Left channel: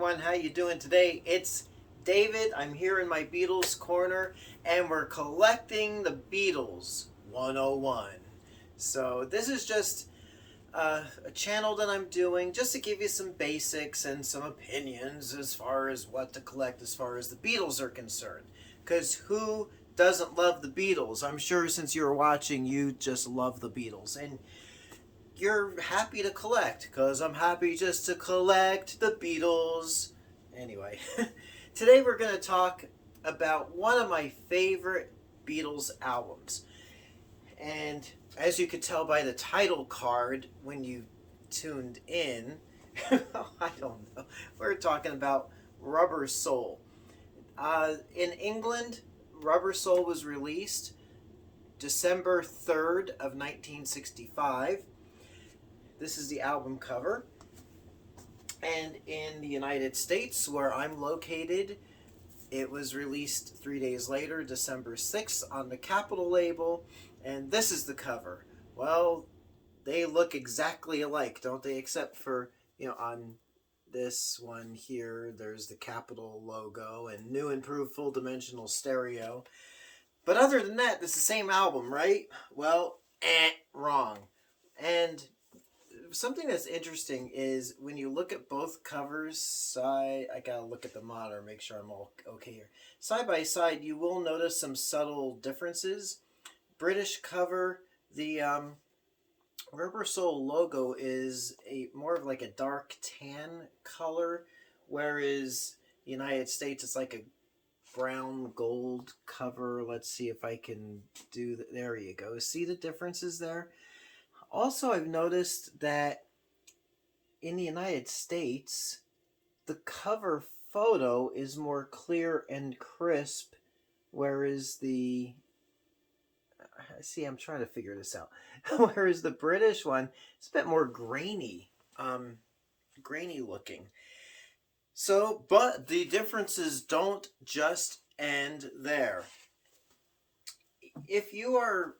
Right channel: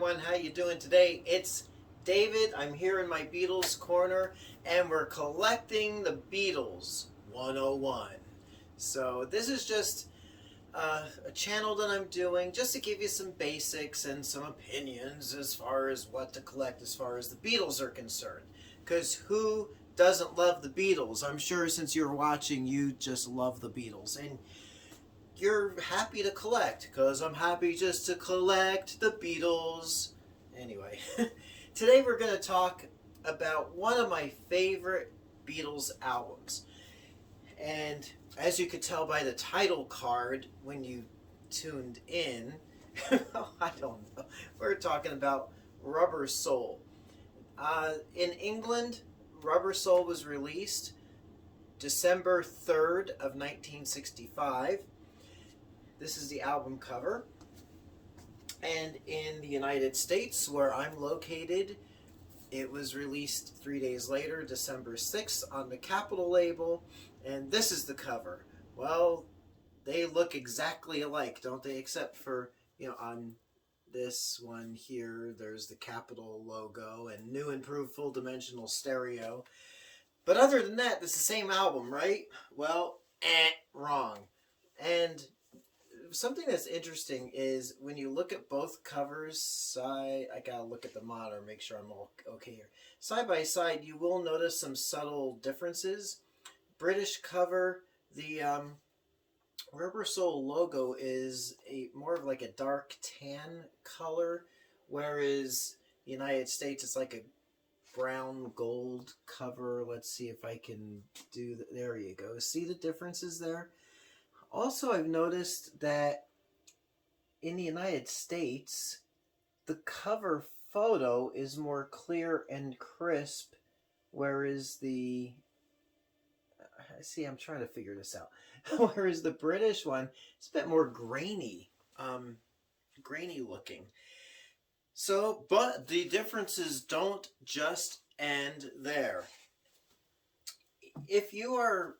everyone, how you doing today? It's David. I'm here in my Beatles corner and we're collecting the Beatles 101. So this is just a channel that I'm doing just to give you some basics and some opinions as far as what to collect as far as the Beatles are concerned. Because who doesn't love the Beatles? I'm sure since you're watching, you just love the Beatles. And you're happy to collect because I'm happy just to collect the Beatles. Anyway, today we're going to talk about one of my favorite Beatles albums. And as you could tell by the title card when you tuned in, I don't know, we're talking about Rubber Soul. In England, Rubber Soul was released December 3rd of 1965. This is the album cover. And in the United States, where I'm located, it was released 3 days later, December 6th, on the Capitol label. And this is the cover. Well, they look exactly alike, don't they? Except for, on this one here, there's the Capitol logo and new improved full dimensional stereo. But other than that, it's the same album, right? Well, wrong. And something that's interesting is when you look at both covers I gotta look at the monitor, make sure I'm all okay here. Side by side, you will notice some subtle differences. British cover, the Rubber Soul logo is more of like a dark tan color, whereas the United States it's like a brown gold cover. Let's see if I can do that. There you go. See the differences there? Also, I've noticed that in the United States, the cover photo is more clear and crisp, whereas I'm trying to figure this out. Whereas the British one, it's a bit more grainy, grainy looking. So, but the differences don't just end there. If you are,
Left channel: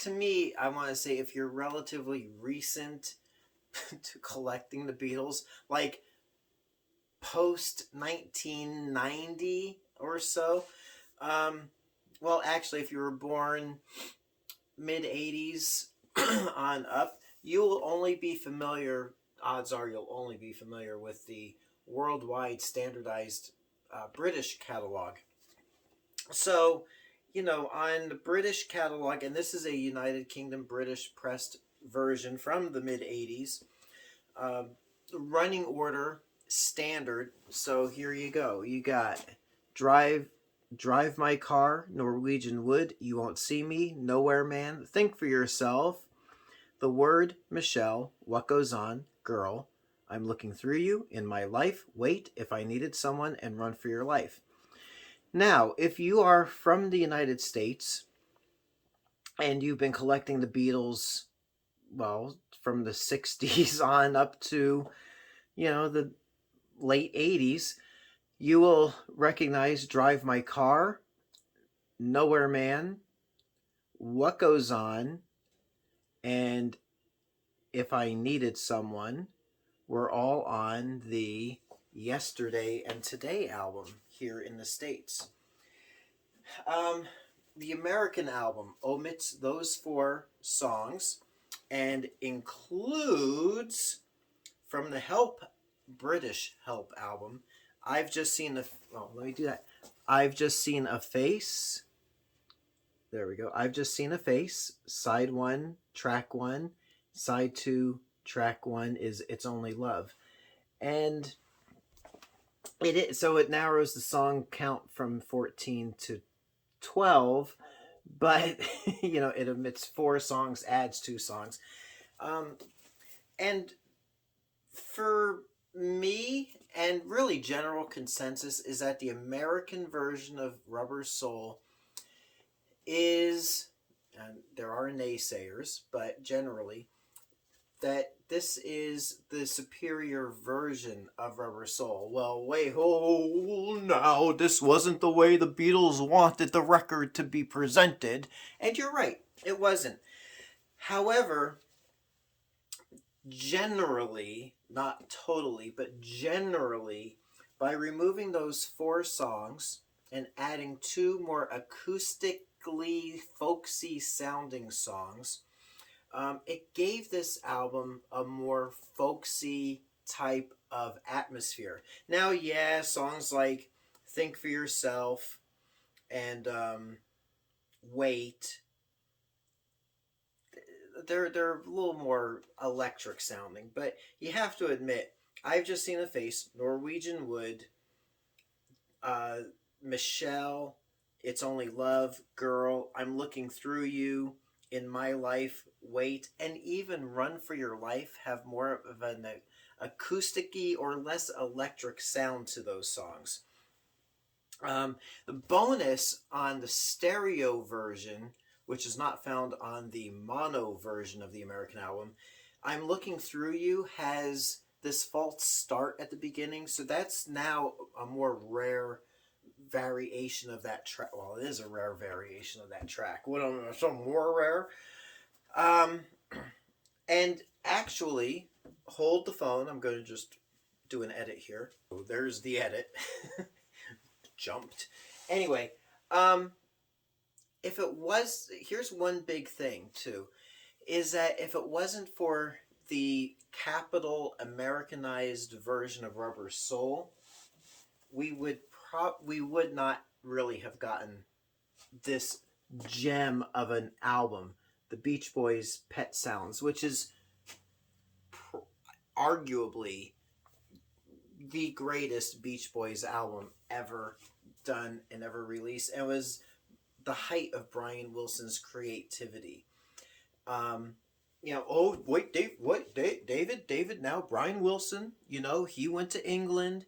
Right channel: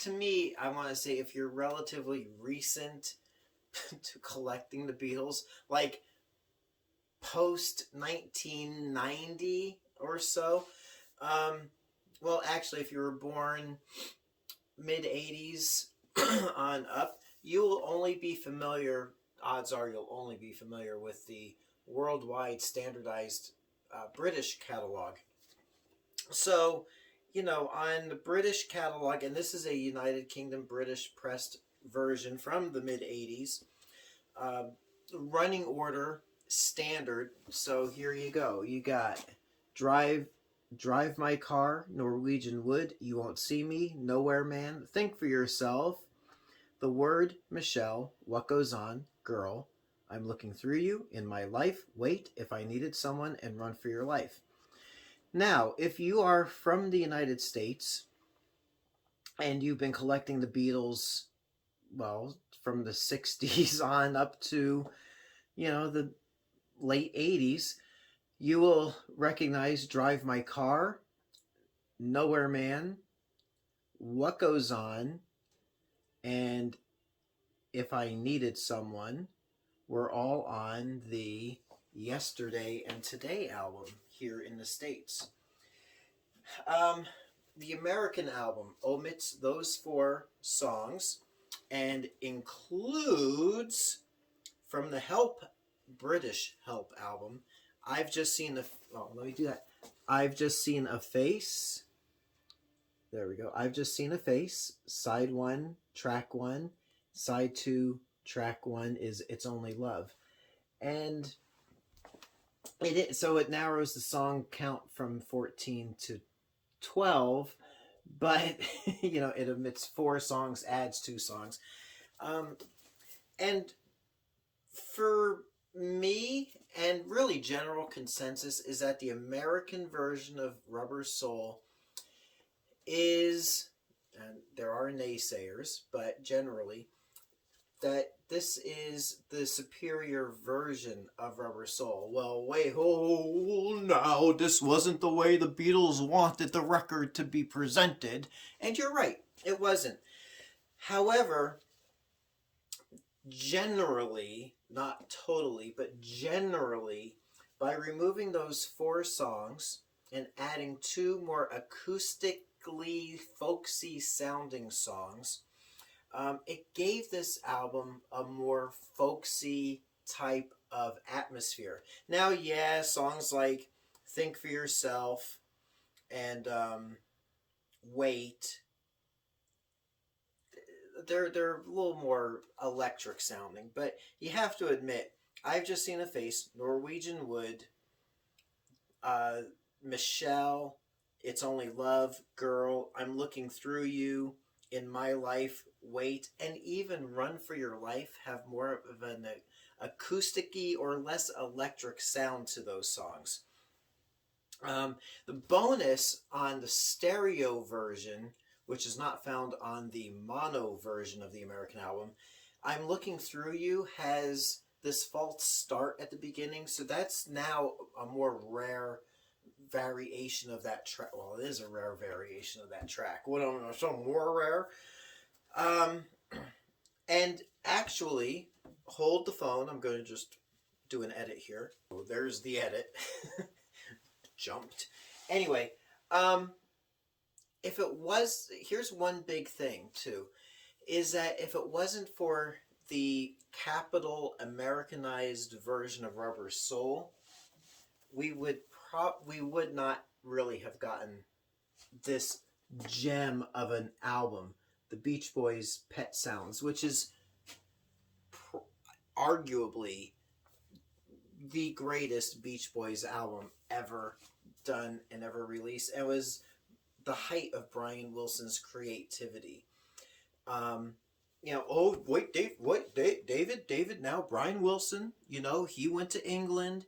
to me, I want to say if you're relatively recent to collecting the Beatles, like post 1990 or so, well, actually, if you were born mid 80s on up, you will only be familiar, odds are you'll only be familiar with the worldwide standardized British catalog. So, on the British catalog, and this is a United Kingdom British pressed version from the mid 80s, running order standard. So here you go. You got Drive My Car, Norwegian Wood, You Won't See Me, Nowhere Man, Think for Yourself, The Word, Michelle, What Goes On, Girl, I'm Looking Through You, In My Life, Wait, If I Needed Someone, and Run for Your Life. Now, if you are from the United States and you've been collecting the Beatles, well, from the 60s on up to, the late 80s, you will recognize Drive My Car, Nowhere Man, What Goes On, and If I Needed Someone were all on the Yesterday and Today album here in the States. The American album omits those 4 songs and includes from the British Help album, I've Just Seen let me do that. I've Just Seen a Face. There we go. I've Just Seen a Face. Side 1, track 1. Side 2, track 1 is It's Only Love. And so it narrows the song count from 14 to 12, but it omits 4 songs, adds 2 songs. And for me, and really general consensus, is that the American version of Rubber Soul is, and there are naysayers, but generally, that this is the superior version of Rubber Soul. Well, wait, now, this wasn't the way the Beatles wanted the record to be presented. And you're right, it wasn't. However, generally, not totally, but generally, by removing those 4 songs and adding 2 more acoustically folksy sounding songs, it gave this album a more folksy type of atmosphere. Now, yeah, songs like Think for Yourself and Wait, they're a little more electric sounding, but you have to admit, I've Just Seen a Face, Norwegian Wood, uh, Michelle, It's Only Love, Girl, I'm Looking Through You, In My Life, Wait, and even Run for Your Life have more of an acousticy or less electric sound to those songs. The bonus on the stereo version, which is not found on the mono version of the American album, I'm Looking Through You, has this false start at the beginning, so that's now a more rare variation of that track. Well, it is a rare variation of that track. What, some more rare? Um, and actually, hold the phone. I'm going to just do an edit here. Oh, there's the edit. Jumped. Anyway, if it was, here's one big thing too, is that if it wasn't for the Capitol Americanized version of Rubber Soul, we would not really have gotten this gem of an album, the Beach Boys' Pet Sounds, which is arguably the greatest Beach Boys album ever done and ever released. It was the height of Brian Wilson's creativity. Oh wait, David. Now Brian Wilson, he went to England.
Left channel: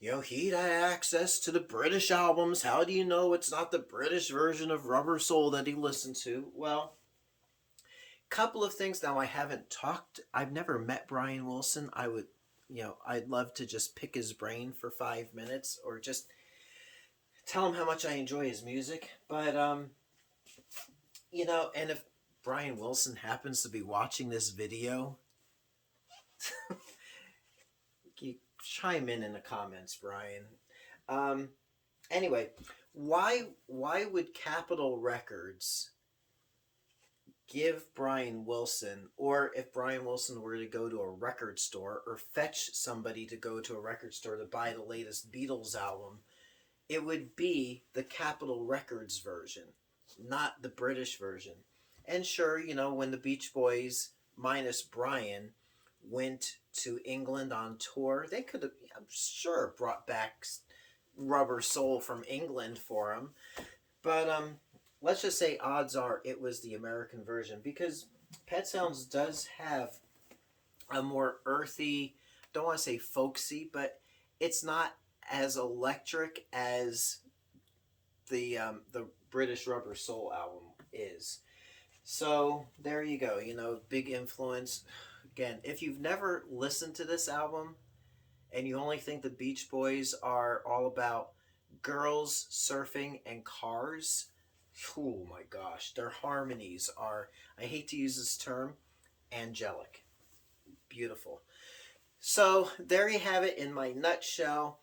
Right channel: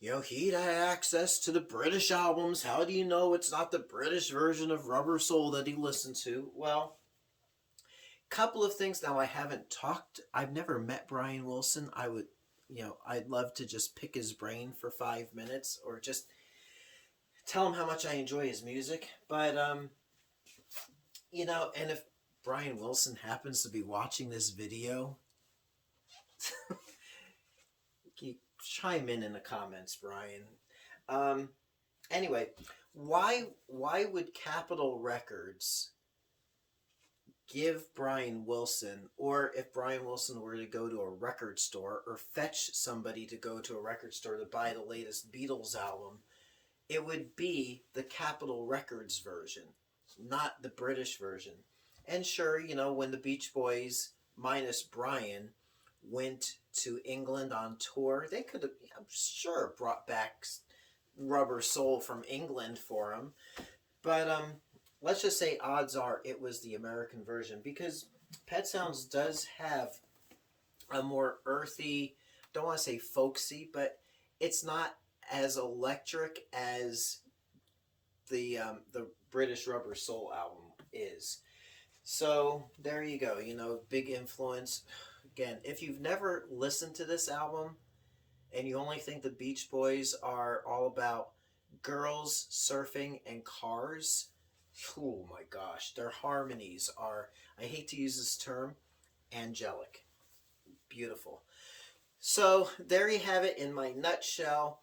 He had access to the British albums. How do you know it's not the British version of Rubber Soul that he listened to? Well, couple of things. Now, I've never met Brian Wilson. I'd love to just pick his brain for 5 minutes or just tell him how much I enjoy his music. But, and if Brian Wilson happens to be watching this video, you chime in the comments, Brian. Anyway, why would Capitol Records give Brian Wilson, or if Brian Wilson were to go to a record store or fetch somebody to go to a record store to buy the latest Beatles album, it would be the Capitol Records version, not the British version. And sure, when the Beach Boys minus Brian went to England on tour, they could have, I'm sure, brought back Rubber Soul from England for him. But let's just say odds are it was the American version, because Pet Sounds does have a more earthy, don't want to say folksy, but it's not as electric as the British Rubber Soul album is. So there you go, big influence. Again, if you've never listened to this album and you only think the Beach Boys are all about girls, surfing, and cars, oh my gosh, their harmonies are, I hate to use this term, angelic. Beautiful. So there you have it in my nutshell.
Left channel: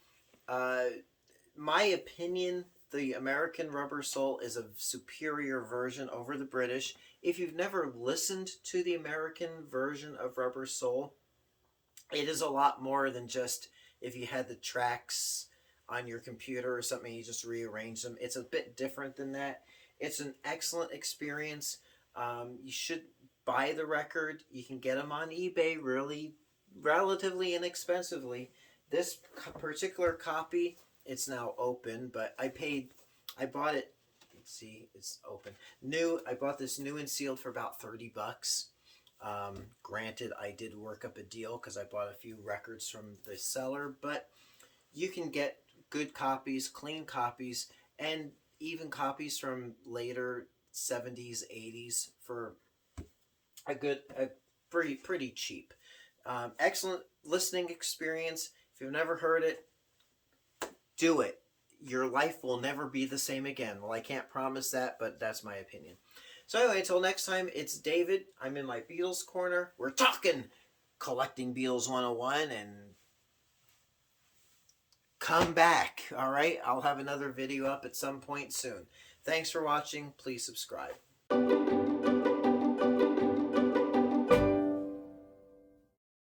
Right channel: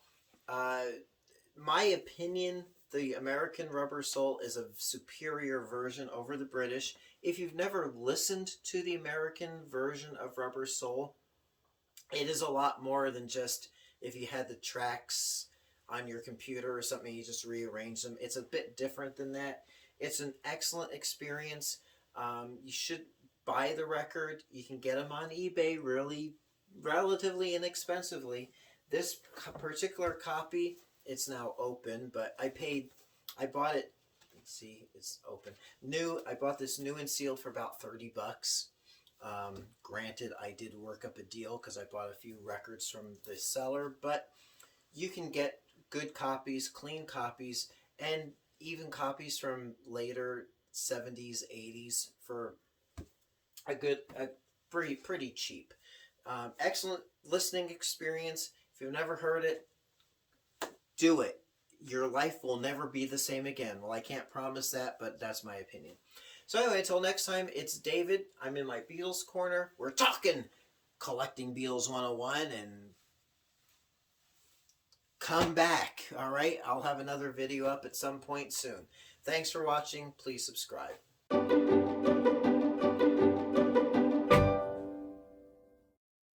My opinion, the American Rubber Soul is a superior version over the British. If you've never listened to the American version of Rubber Soul, it is a lot more than just if you had the tracks on your computer or something, you just rearrange them. It's a bit different than that. It's an excellent experience. You should buy the record. You can get them on eBay really relatively inexpensively. This particular copy, it's now open, but I bought it, let's see, it's open. I bought this new and sealed for about $30. Granted, I did work up a deal because I bought a few records from the seller, but you can get good copies, clean copies, and even copies from later 70s, 80s for a pretty cheap. Excellent listening experience. If you've never heard it, do it. Your life will never be the same again. Well, I can't promise that, but that's my opinion. So anyway, until next time, it's David. I'm in my Beatles corner. We're talking Collecting Beatles 101 and come back. All right, I'll have another video up at some point soon. Thanks for watching. Please subscribe.